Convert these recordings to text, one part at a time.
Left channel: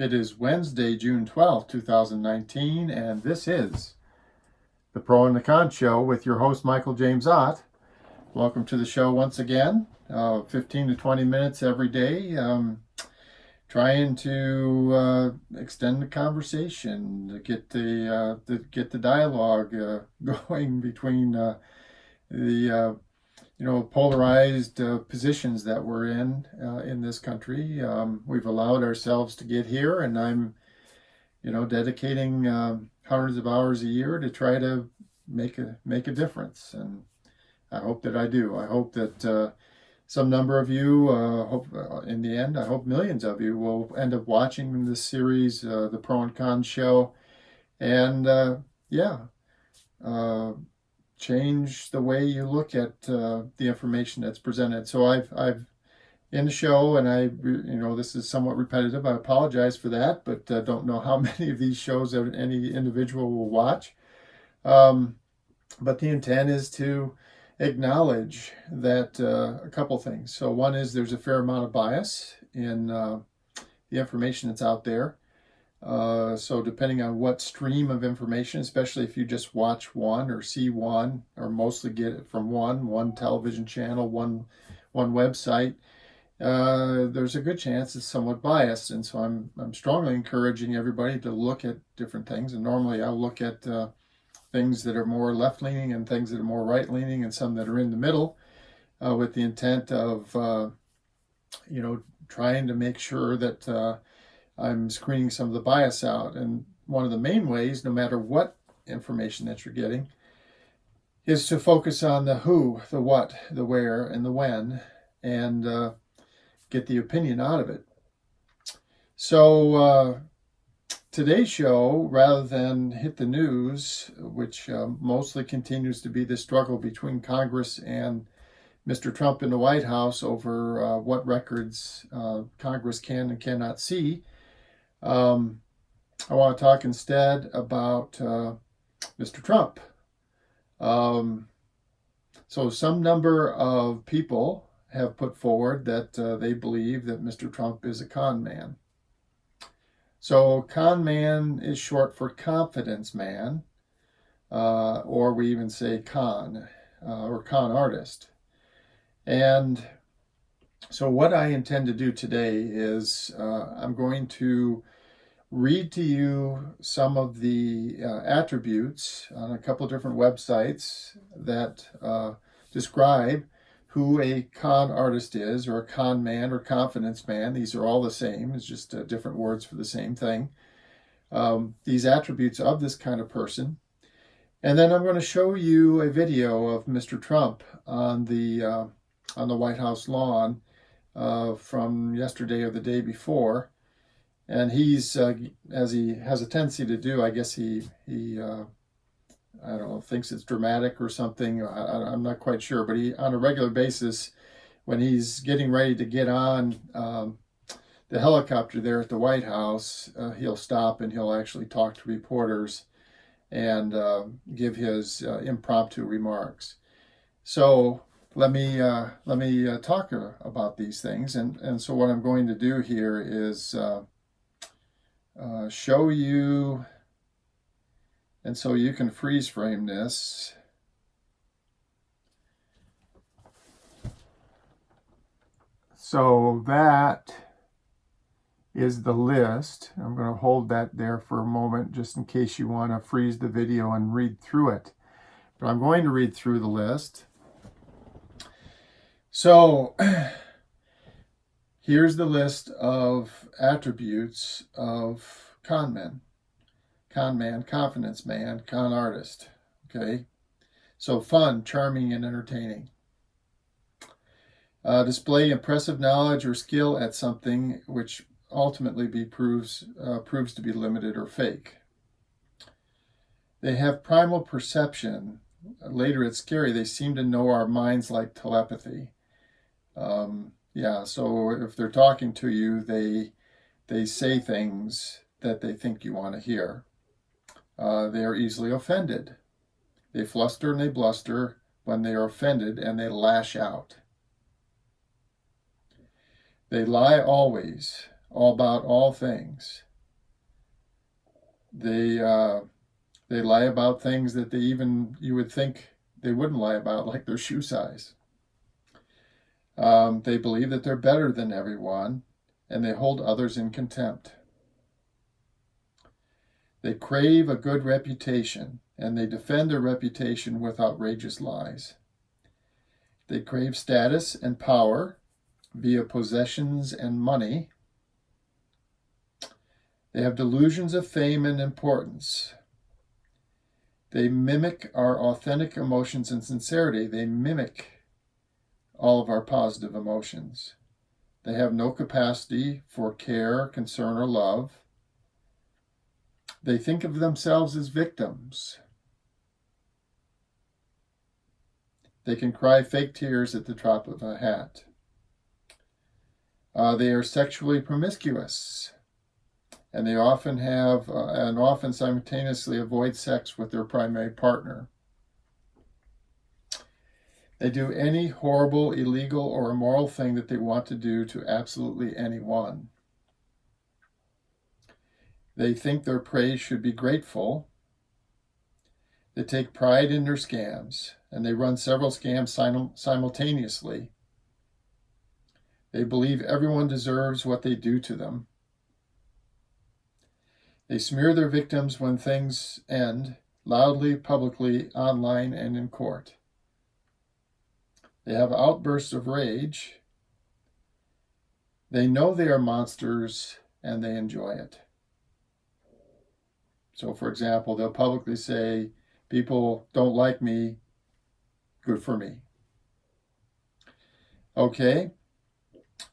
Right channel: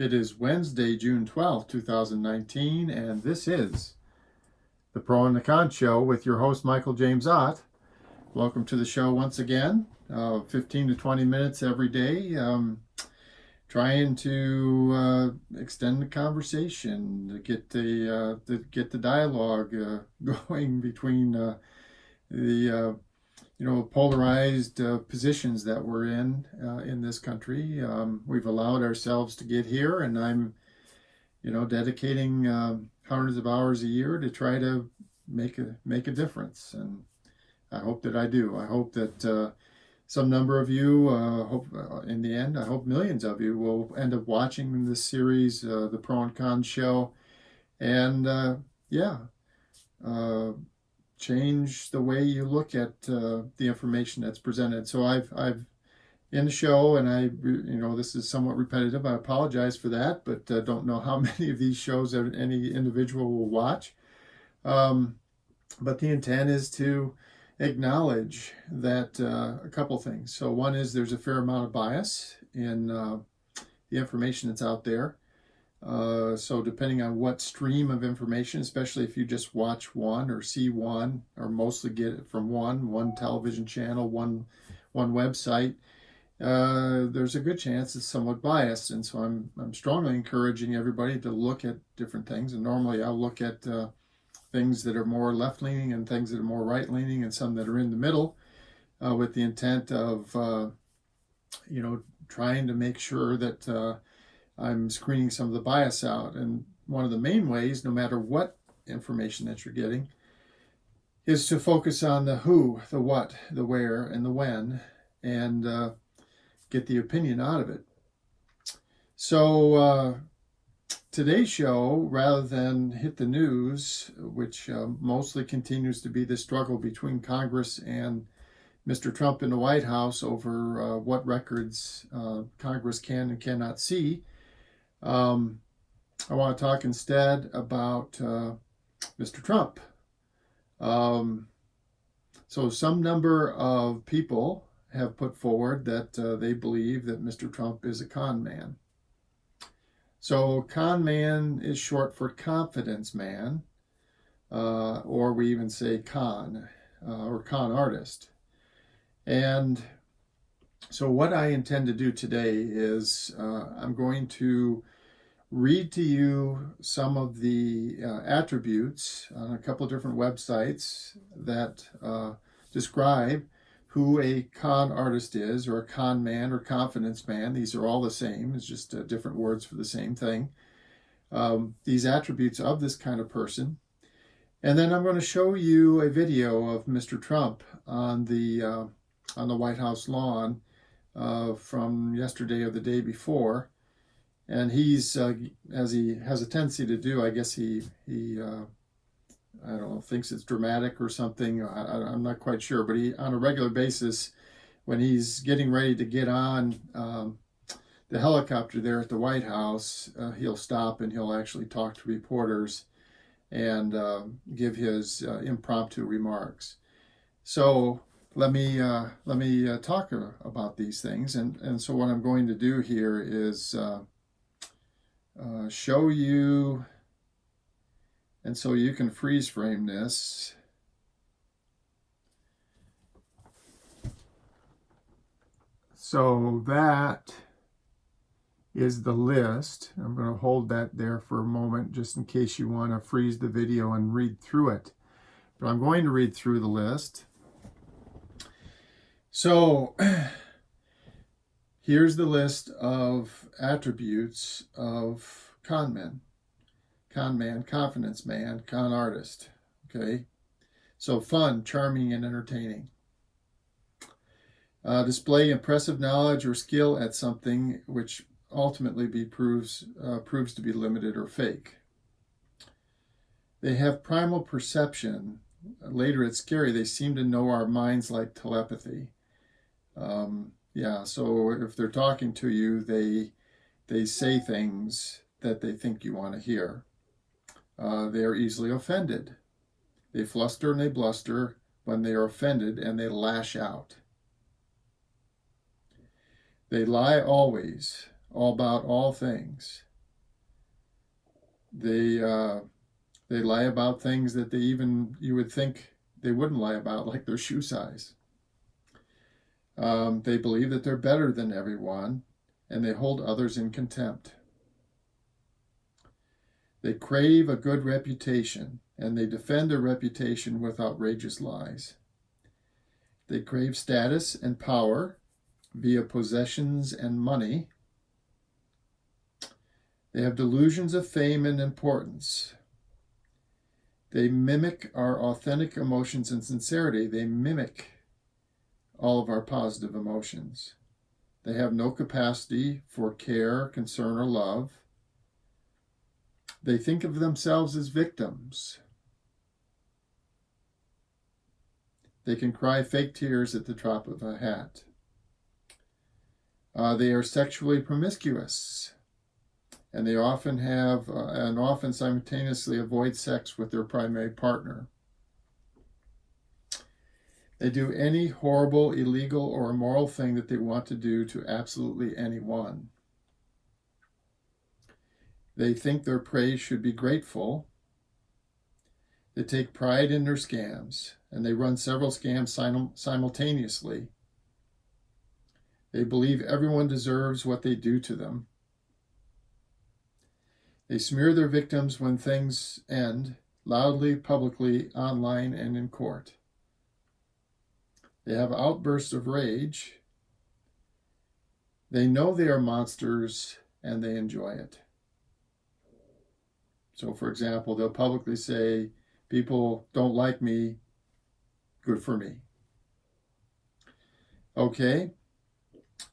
It is Wednesday, June 12th, 2019, and this is the Pro and the Con Show with your host, Michael James Ott. Welcome to the show once again. 15 to 20 minutes every day. Trying to extend the conversation, to get the dialogue going between the polarized positions that we're in this country. We've allowed ourselves to get here, and I'm, dedicating hundreds of hours a year to try to make a difference. And I hope that I do. I hope that some number of you, in the end, I hope millions of you will end up watching this series, the Pro and Con Show, and change the way you look at the information that's presented. So I've in the show, and this is somewhat repetitive. I apologize for that, but don't know how many of these shows that any individual will watch. But the intent is to acknowledge that a couple things. So one is there's a fair amount of bias in the information that's out there. So depending on what stream of information, especially if you just watch one or see one, or mostly get it from one television channel, one website, there's a good chance it's somewhat biased. And so I'm strongly encouraging everybody to look at different things. And normally I'll look at things that are more left-leaning and things that are more right-leaning and some that are in the middle, with the intent of, trying to make sure that I'm screening some of the bias out. And one of the main ways, no matter what information that you're getting, is to focus on the who, the what, the where, and the when, and get the opinion out of it. So today's show, rather than hit the news, which mostly continues to be the struggle between Congress and Mr. Trump in the White House over what records Congress can and cannot see, I want to talk instead about Mr. Trump. So some number of people have put forward that they believe that Mr. Trump is a con man. So con man is short for confidence man, or we even say con, or con artist. And so what I intend to do today is I'm going to read to you some of the attributes on a couple of different websites that describe who a con artist is, or a con man, or confidence man. These are all the same. It's just different words for the same thing. These attributes of this kind of person. And then I'm going to show you a video of Mr. Trump on the White House lawn from yesterday or the day before. And he's, as he has a tendency to do, I guess he I don't know, thinks it's dramatic or something. I'm not quite sure, but he, on a regular basis, when he's getting ready to get on the helicopter there at the White House, he'll stop and he'll actually talk to reporters and give his impromptu remarks. So let me talk about these things. And so what I'm going to do here is show you, and so you can freeze frame this. So that is the list. I'm going to hold that there for a moment just in case you want to freeze the video and read through it. But I'm going to read through the list. So here's the list of attributes of con men. Con man, confidence man, con artist. Okay, so fun, charming, and entertaining. Display impressive knowledge or skill at something which ultimately proves to be limited or fake. They have primal perception. Later it's scary. They seem to know our minds like telepathy. So if they're talking to you, they say things that they think you want to hear. They are easily offended. They fluster and they bluster when they are offended, and they lash out. They lie always, all about all things. They lie about things that you would think they wouldn't lie about, like their shoe size. They believe that they're better than everyone, and they hold others in contempt. They crave a good reputation, and they defend their reputation with outrageous lies. They crave status and power via possessions and money. They have delusions of fame and importance. They mimic our authentic emotions and sincerity. They mimic all of our positive emotions. They have no capacity for care, concern, or love. They think of themselves as victims. They can cry fake tears at the drop of a hat. They are sexually promiscuous, and they often simultaneously avoid sex with their primary partner. They do any horrible, illegal, or immoral thing that they want to do to absolutely anyone. They think their prey should be grateful. They take pride in their scams, and they run several scams simultaneously. They believe everyone deserves what they do to them. They smear their victims when things end, loudly, publicly, online, and in court. They have outbursts of rage. They know they are monsters, and they enjoy it. So, for example, they'll publicly say, people don't like me, good for me. Okay,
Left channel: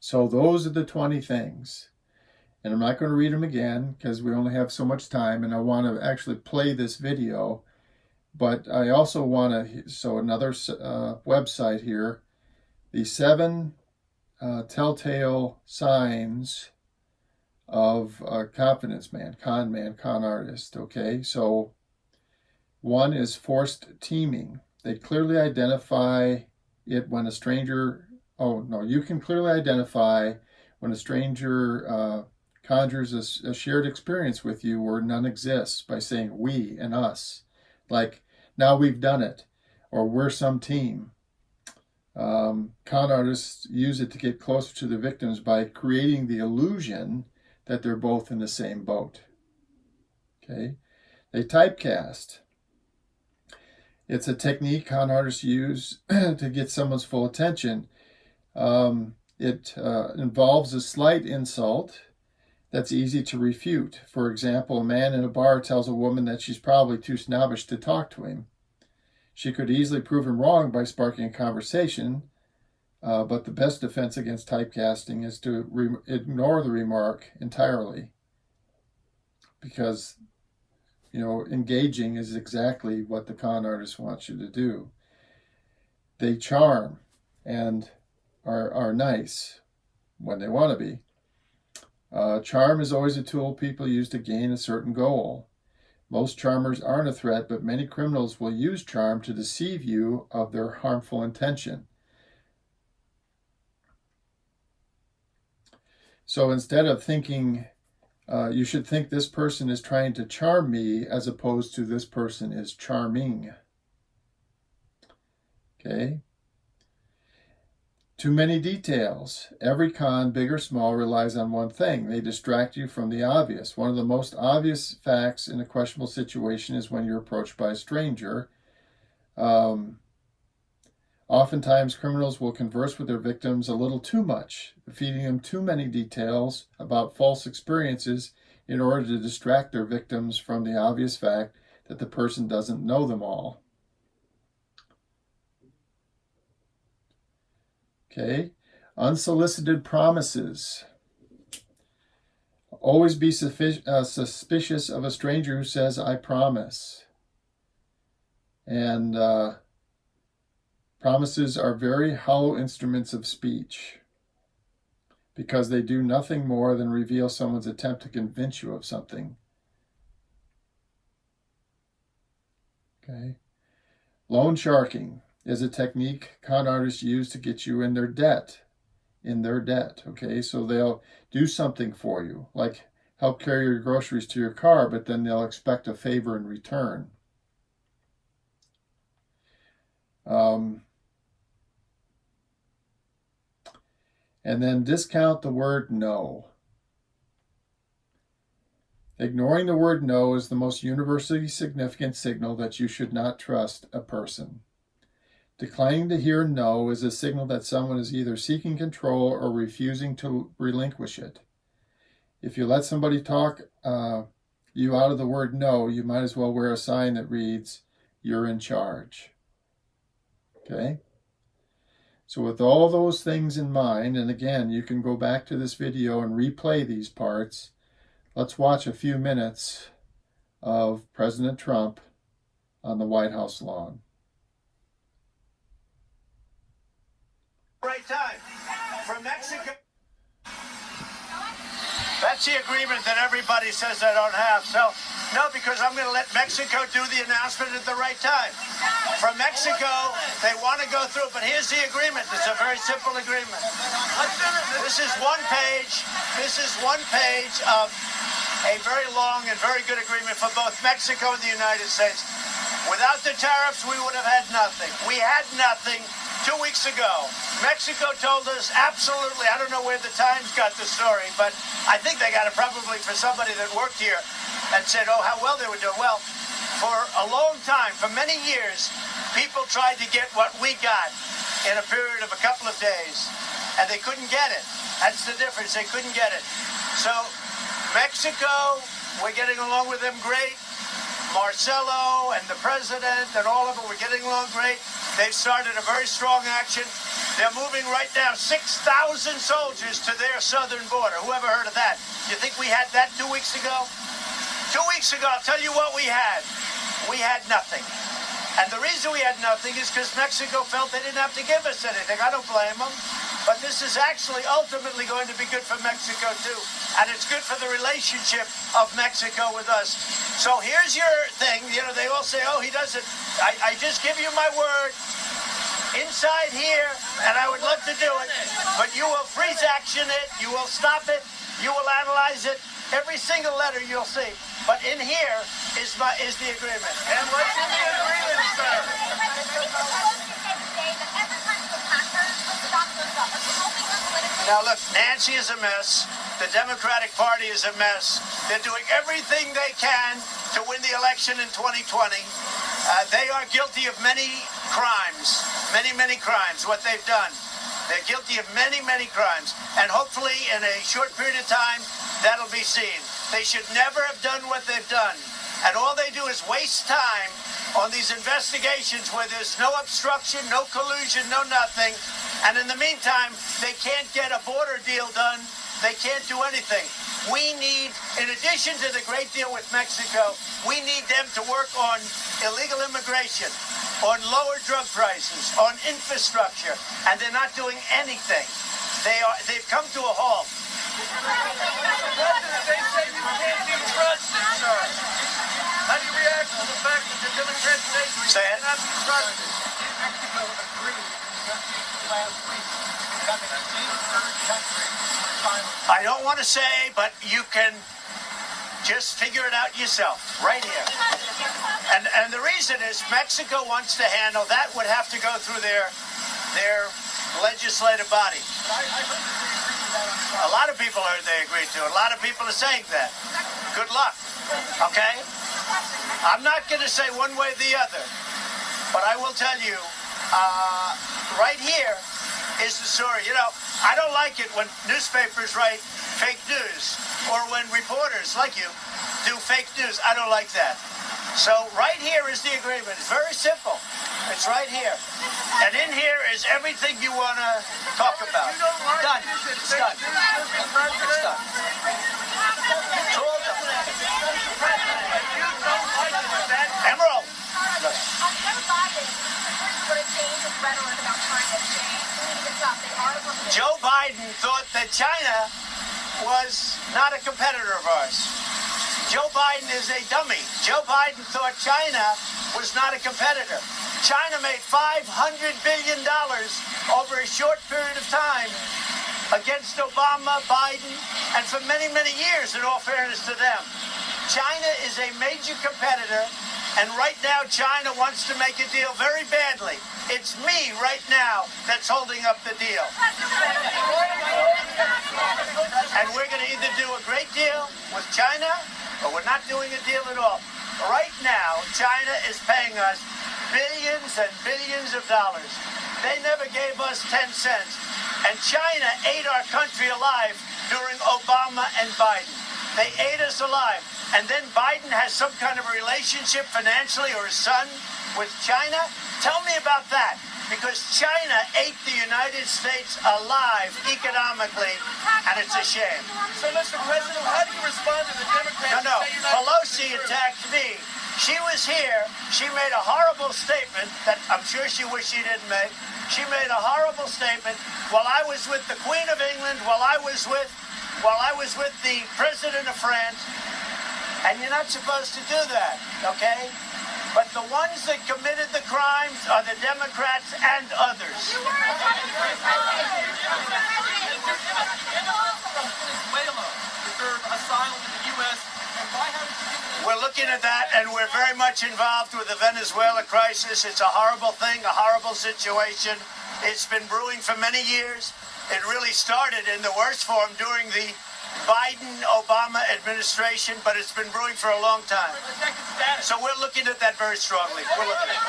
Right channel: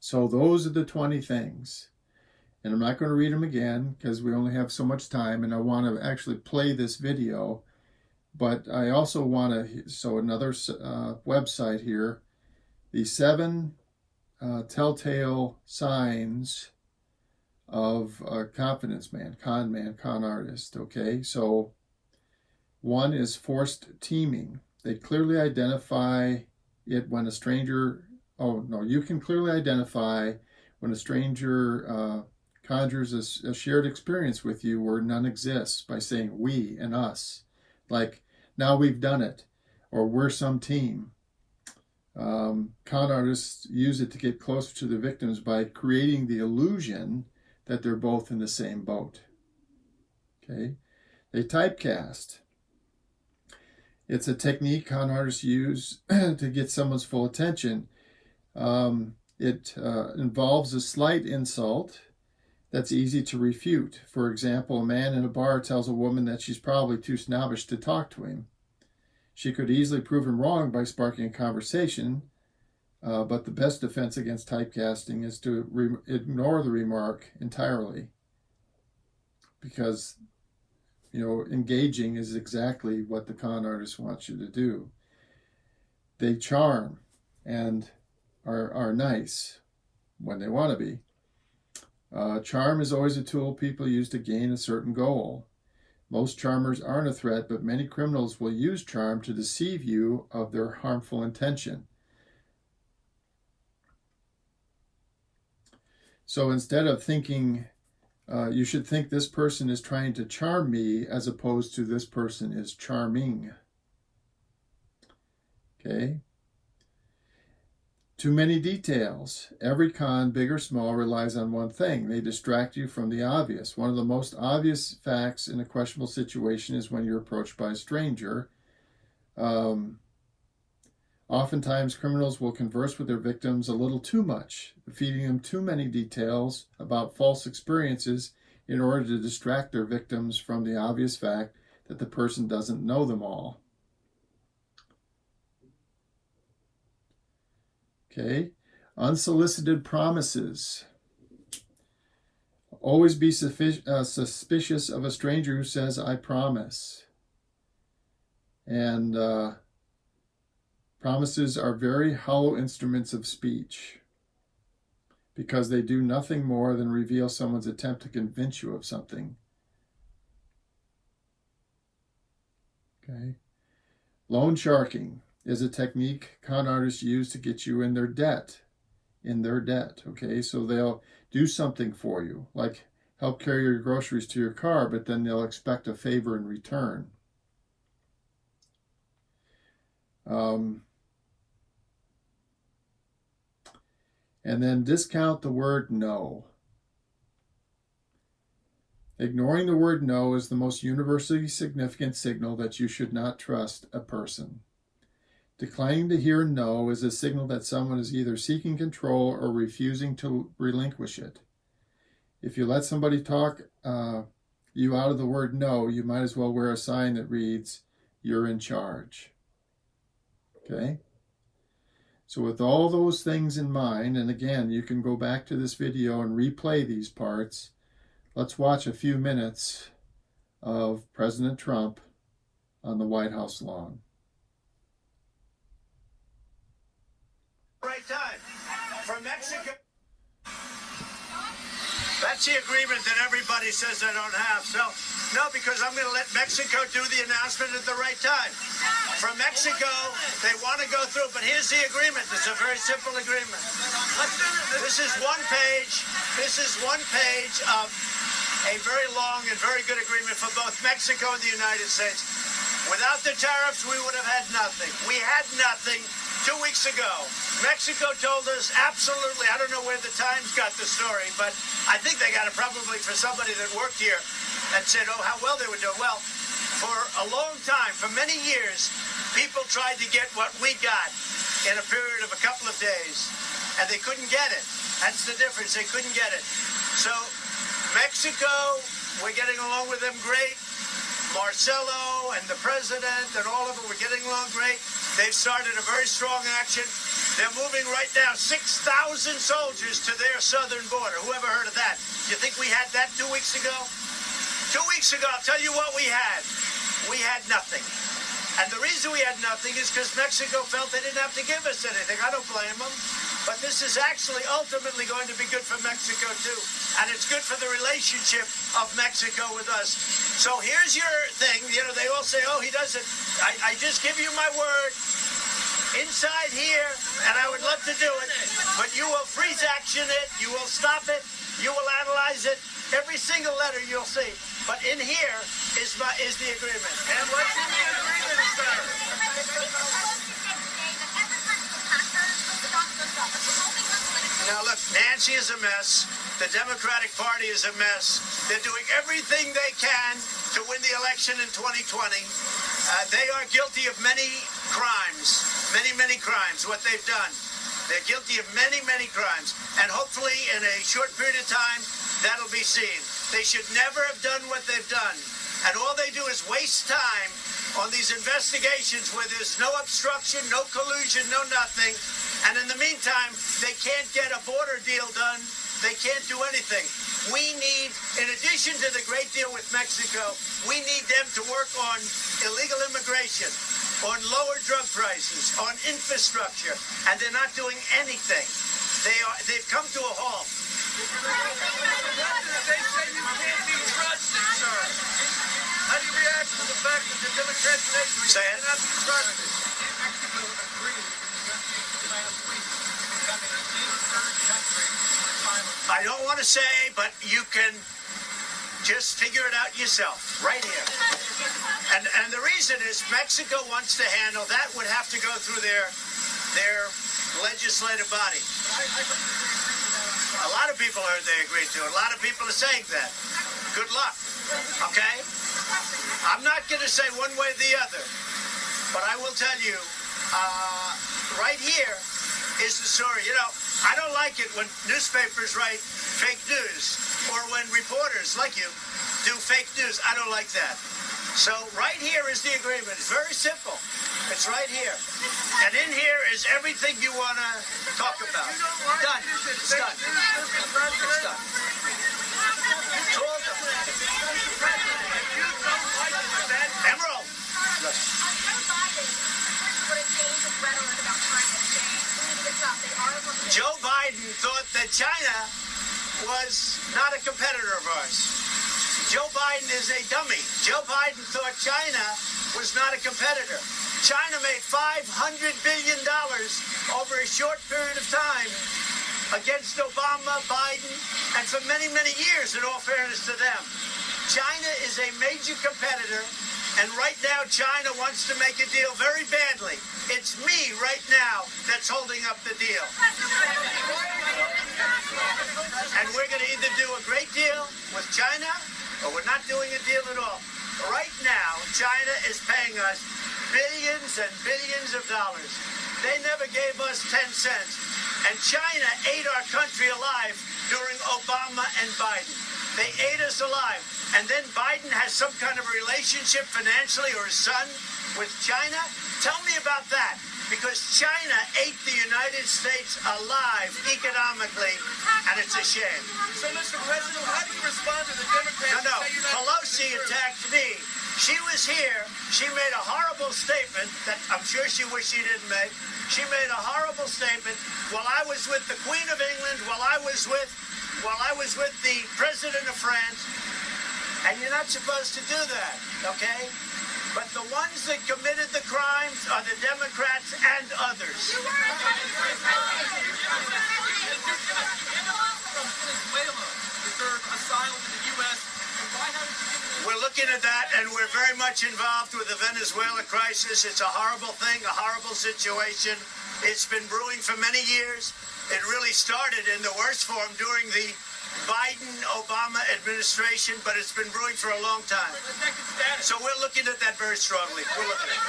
so those are the 20 things. And I'm not going to read them again because we only have so much time, and I want to actually play this video. But I also want to, so another website here, the 7 telltale signs of a confidence man, con artist, okay? So one is forced teaming. They clearly identify it when a stranger, you can clearly identify when a stranger conjures a shared experience with you where none exists by saying we and us. Like, now we've done it, or we're some team. Con artists use it to get closer to the victims by creating the illusion that they're both in the same boat. Okay? They typecast. It's a technique con artists use to get someone's full attention. It involves a slight insult that's easy to refute. For example, a man in a bar tells a woman that she's probably too snobbish to talk to him. She could easily prove him wrong by sparking a conversation, but the best defense against typecasting is to ignore the remark entirely, because engaging is exactly what the con artist wants you to do. They charm and are nice when they want to be. Charm is always a tool people use to gain a certain goal. Most charmers aren't a threat, but many criminals will use charm to deceive you of their harmful intention. So instead of thinking, you should think this person is trying to charm me, as opposed to this person is charming. Okay? Too many details. Every con, big or small, relies on one thing. They distract you from the obvious. One of the most obvious facts in a questionable situation is when you're approached by a stranger. Oftentimes, criminals will converse with their victims a little too much, feeding them too many details about false experiences in order to distract their victims from the obvious fact that the person doesn't know them all. Okay, unsolicited promises. Always be suspicious of a stranger who says, I promise. And promises are very hollow instruments of speech, because they do nothing more than reveal someone's attempt to convince you of something. Okay. Loan sharking is a technique con artists use to get you in their debt. Okay, so they'll do something for you, like help carry your groceries to your car, but then they'll expect a favor in return. And then discount the word no. Ignoring the word no is the most universally significant signal that you should not trust a person. Declining to hear no is a signal that someone is either seeking control or refusing to relinquish it. If you let somebody talk you out of the word no, you might as well wear a sign that reads, "You're in charge." Okay? So with all those things in mind, and again, you can go back to this video and replay these parts. Let's watch a few minutes of President Trump on the White House lawn. Right time for Mexico. That's the agreement that everybody says I don't have. So, no, because I'm going to let Mexico do the announcement at the right time. For Mexico, they want to go through, but here's the agreement. It's a very simple agreement. This is one page. This is one page of a very long and very good agreement for both Mexico and the United States. Without the tariffs, we would have had nothing. We had nothing 2 weeks ago. Mexico told us absolutely, I don't know where the Times got the story, but I think they got it probably for somebody that worked here and said, oh, how well they were doing. Well, for a long time, for many years, people tried to get what we got in a period of a couple of days, and they couldn't get it. That's the difference. They couldn't get it. So Mexico, we're getting along with them great. Marcelo and the president and all of them were getting along great. They've started a very strong action. They're moving right now 6,000 soldiers to their southern border. Whoever heard of that? You think we had that 2 weeks ago? 2 weeks ago, I'll tell you what we had. We had nothing. And the reason we had nothing is because Mexico felt they didn't have to give us anything. I don't blame them. But this is actually ultimately going to be good for Mexico, too. And it's good for the relationship of Mexico with us. So here's your thing. You know, they all say, oh, he doesn't. I just give you my word inside here, and I would love to do it. But you will freeze action it. You will stop it. You will analyze it. Every single letter you'll see. But in here is the agreement. And what's in the agreement, sir? Now, look, Nancy is a mess. The Democratic Party is a mess. They're doing everything they can to win the election in 2020. They are guilty of many crimes, many crimes, what they've done. They're guilty of many crimes. And hopefully, in a short period of time, that'll be seen. They should never have done what they've done. And all they do is waste time on these investigations where there's no obstruction, no collusion, no nothing. And in the meantime, they can't get a border deal done. They can't do anything. We need, in addition to the great deal with Mexico, we need them to work on illegal immigration, on lower drug prices, on infrastructure, and they're not doing anything. They've come to a halt. They say you can't be trusted, sir. How do you react to the fact that the Democrats say you cannot be trusted? I don't want to say, but you can just figure it out yourself, right here. And the reason is Mexico wants to handle that, would have to go through their legislative body. A lot of people heard they agreed to it. A lot of people are saying that. Good luck, okay? I'm not going to say one way or the other, but I will tell you, right here is the story. You know, I don't like it when newspapers write fake news or when reporters like you do fake news. I don't like that. So right here is the agreement. It's very simple. It's right here. And in here is everything you want to talk about. Done. It's done. It's done. It's all done. Emerald. Look. Joe Biden thought that China was not a competitor of ours. Joe Biden is a dummy. Joe Biden thought China was not a competitor. China made $500 billion over a short period of time against Obama, Biden, and for many, many years, in all fairness to them. China is a major competitor, and right now China wants to make a deal very badly. It's me right now that's holding up the deal. And we're going to either do a great deal with China, or we're not doing a deal at all. Right now, China is paying us billions and billions of dollars. They never gave us 10 cents. And China ate our country alive during Obama and Biden. They ate us alive. And then Biden has some kind of a relationship financially, or his son, with China. Tell me about that. Because China ate the United States alive economically, and it's a shame. So, Mr. President, how do you respond to the Democrats? No. Pelosi attacked me. She was here. She made a horrible statement that I'm sure she wished she didn't make. She made a horrible statement while I was with the Queen of England, while I was with the President of France. And you're not supposed to do that, okay? But the ones that committed the crimes are the Democrats and others. We're looking at that, and we're very much involved with the Venezuela crisis. It's a horrible thing, a horrible situation. It's been brewing for many years. It really started in the worst form during the Biden-Obama administration, but it's been brewing for a long time. So we're looking at that very strongly. We're looking at it.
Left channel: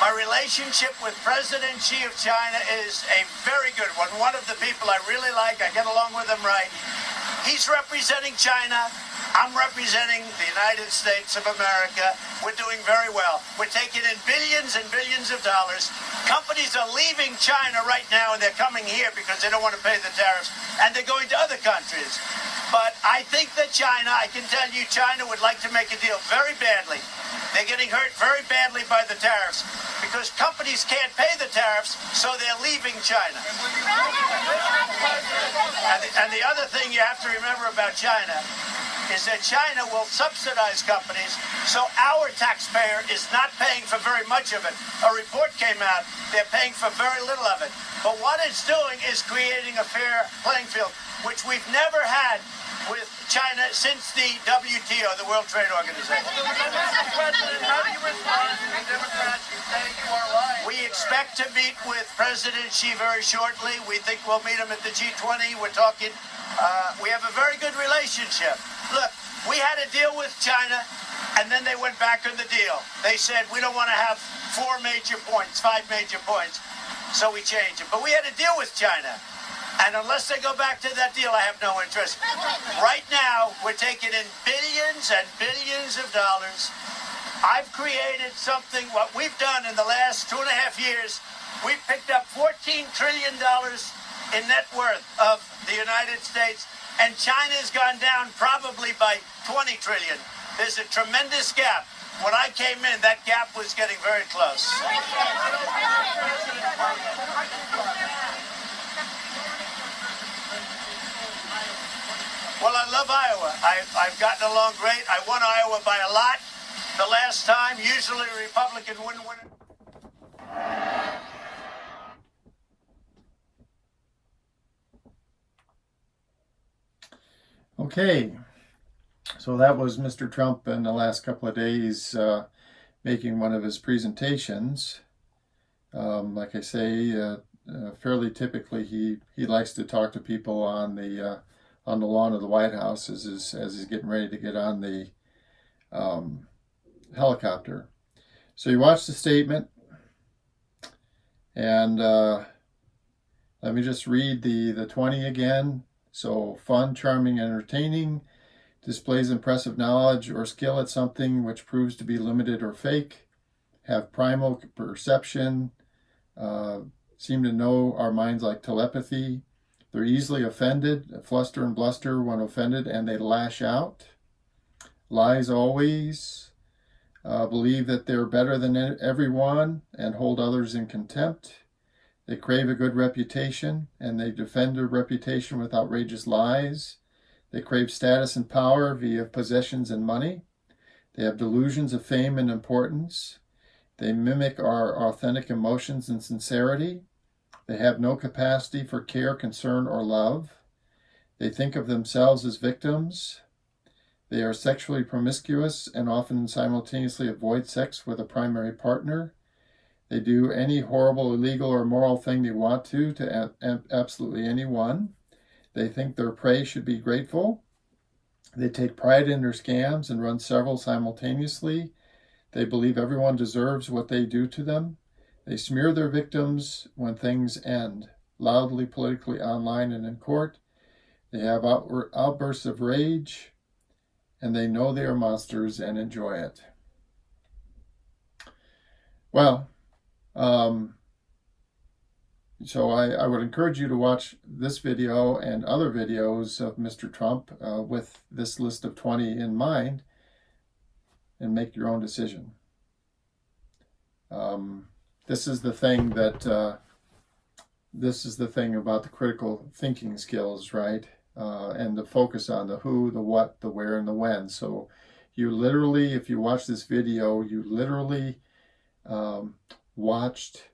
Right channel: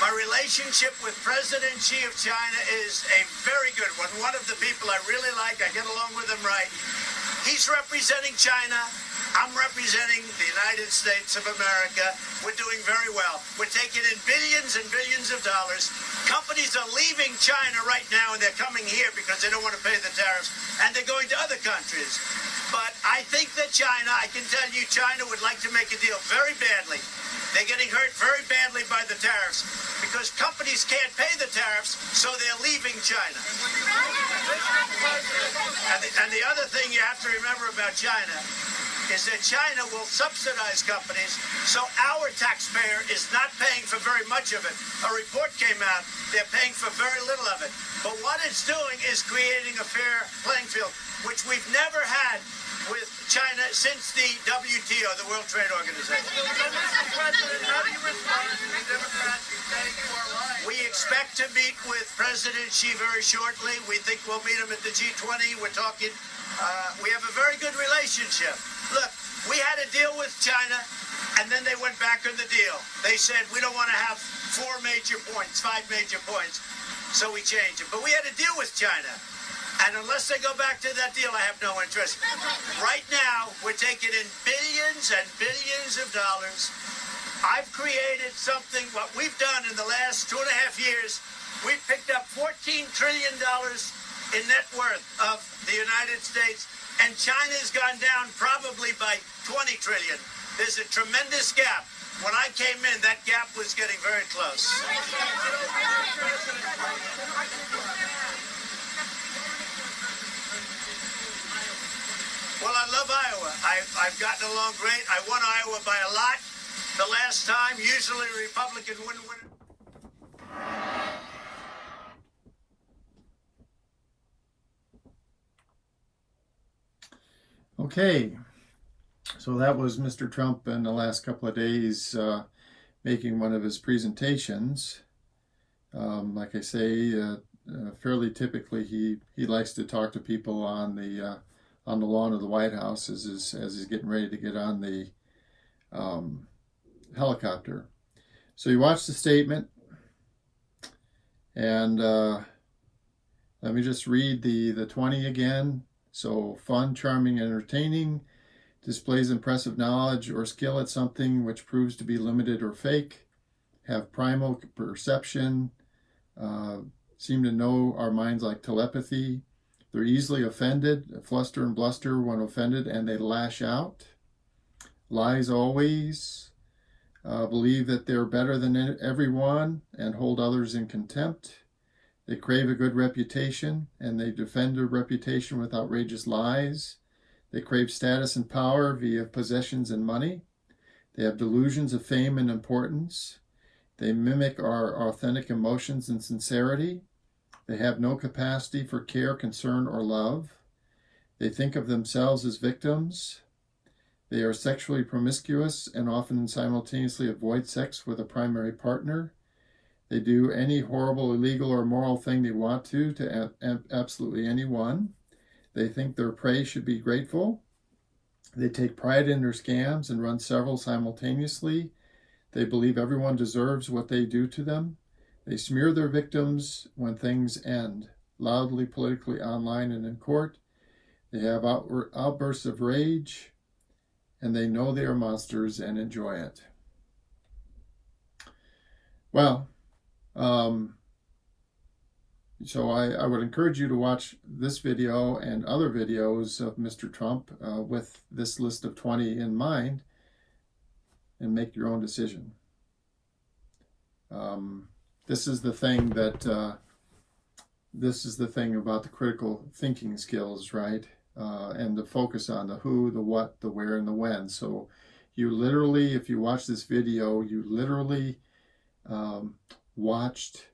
My relationship with President Xi of China is a very good one. One of the people I really like. I get along with him right. He's representing China. I'm representing the United States of America. We're doing very well. We're taking in billions and billions of dollars. Companies are leaving China right now, and they're coming here because they don't want to pay the tariffs, and they're going to other countries. But I think that China, I can tell you, China would like to make a deal very badly. They're getting hurt very badly by the tariffs because companies can't pay the tariffs, so they're leaving China. And the other thing you have to remember about China is that China will subsidize companies, so our taxpayer is not paying for very much of it. A report came out, they're paying for very little of it. But what it's doing is creating a fair playing field, which we've never had with China since the WTO, the World Trade Organization. We expect to meet with President Xi very shortly. We think we'll meet him at the G20. We're talking. We have a very good relationship. Look, we had a deal with China, and then they went back on the deal. They said, we don't want to have 4 major points, 5 major points, so we changed it. But we had a deal with China, and unless they go back to that deal, I have no interest. Right now, we're taking in billions and billions of dollars. I've created something, what we've done in the last 2.5 years, we've picked up $14 trillion in net worth of the United States, and China's gone down probably by 20 trillion. There's a tremendous gap. When I came in, that gap was getting very close. Well, I love Iowa. I've gotten along great. I won Iowa by a lot the last time. Usually a Republican wouldn't win it. Okay, so that was Mr. Trump in the last couple of days making one of his presentations. Like I say, fairly typically he likes to talk to people on the lawn of the White House as he's getting ready to get on the helicopter. So you watch the statement, and let me just read the 20 again. So, fun, charming, entertaining, displays impressive knowledge or skill at something which proves to be limited or fake, have primal perception, seem to know our minds like telepathy. They're easily offended, fluster and bluster when offended, and they lash out. Lies always, believe that they're better than everyone and hold others in contempt. They crave a good reputation, and they defend their reputation with outrageous lies. They crave status and power via possessions and money. They have delusions of fame and importance. They mimic our authentic emotions and sincerity. They have no capacity for care, concern, or love. They think of themselves as victims. They are sexually promiscuous and often simultaneously avoid sex with a primary partner. They do any horrible, illegal, or immoral thing they want to absolutely anyone. They think their prey should be grateful. They take pride in their scams and run several simultaneously. They believe everyone deserves what they do to them. They smear their victims when things end, loudly, politically, online, and in court. They have outbursts of rage, and they know they are monsters and enjoy it. Well, so I would encourage you to watch this video and other videos of Mr. Trump with this list of 20 in mind and make your own decision. This is the thing that this is the thing about the critical thinking skills, right? And the focus on the who, the what, the where, and the when. So you literally, if you watch this video, you literally watched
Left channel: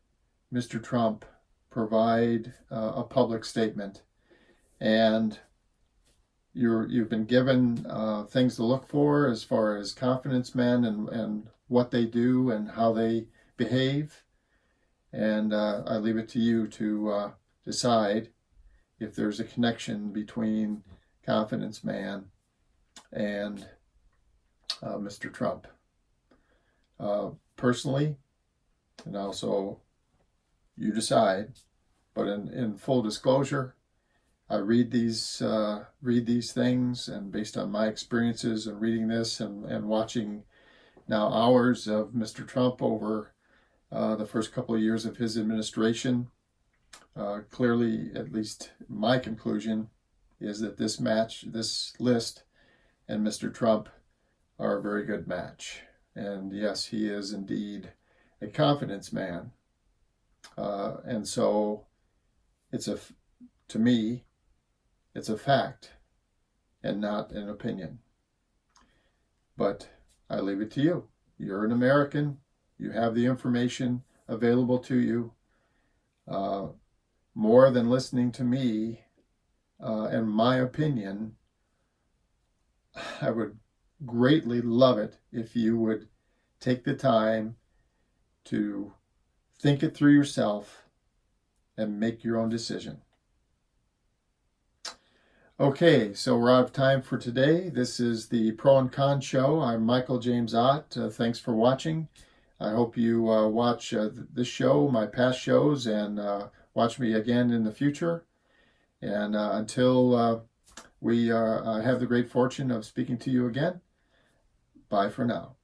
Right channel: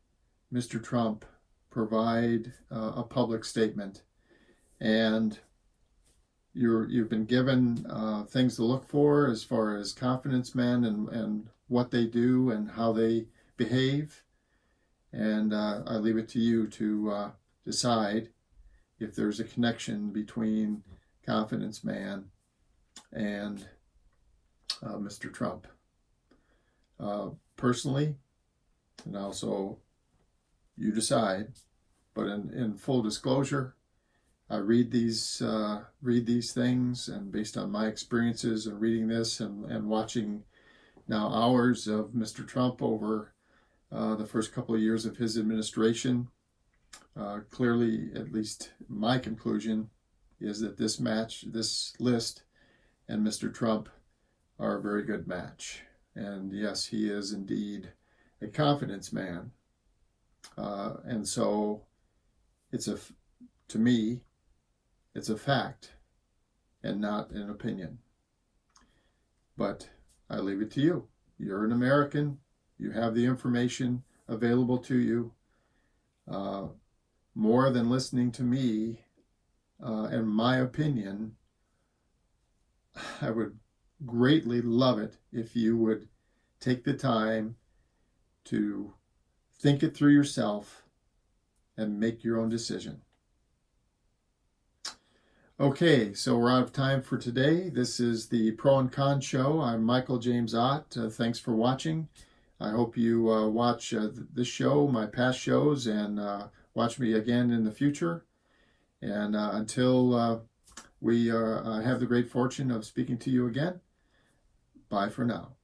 Mr. Trump provide a public statement, and you've been given things to look for as far as confidence men and what they do and how they behave, and I leave it to you to decide if there's a connection between confidence man and Mr. Trump. Personally, and also you decide, but in full disclosure, I read these things, and based on my experiences and reading this and watching now hours of Mr. Trump over the first couple of years of his administration, clearly, at least my conclusion is that this list, and Mr. Trump are a very good match. And yes, he is indeed a confidence man. And so to me, it's a fact and not an opinion. But I leave it to you. You're an American. You have the information available to you. More than listening to me and my opinion, I would greatly love it if you would take the time to think it through yourself and make your own decision. Okay, so we're out of time for today. This is the Pro and Con Show. I'm Michael James Ott. Thanks for watching. I hope you watch this show, my past shows, and watch me again in the future. And until we have the great fortune of speaking to you again, bye for now.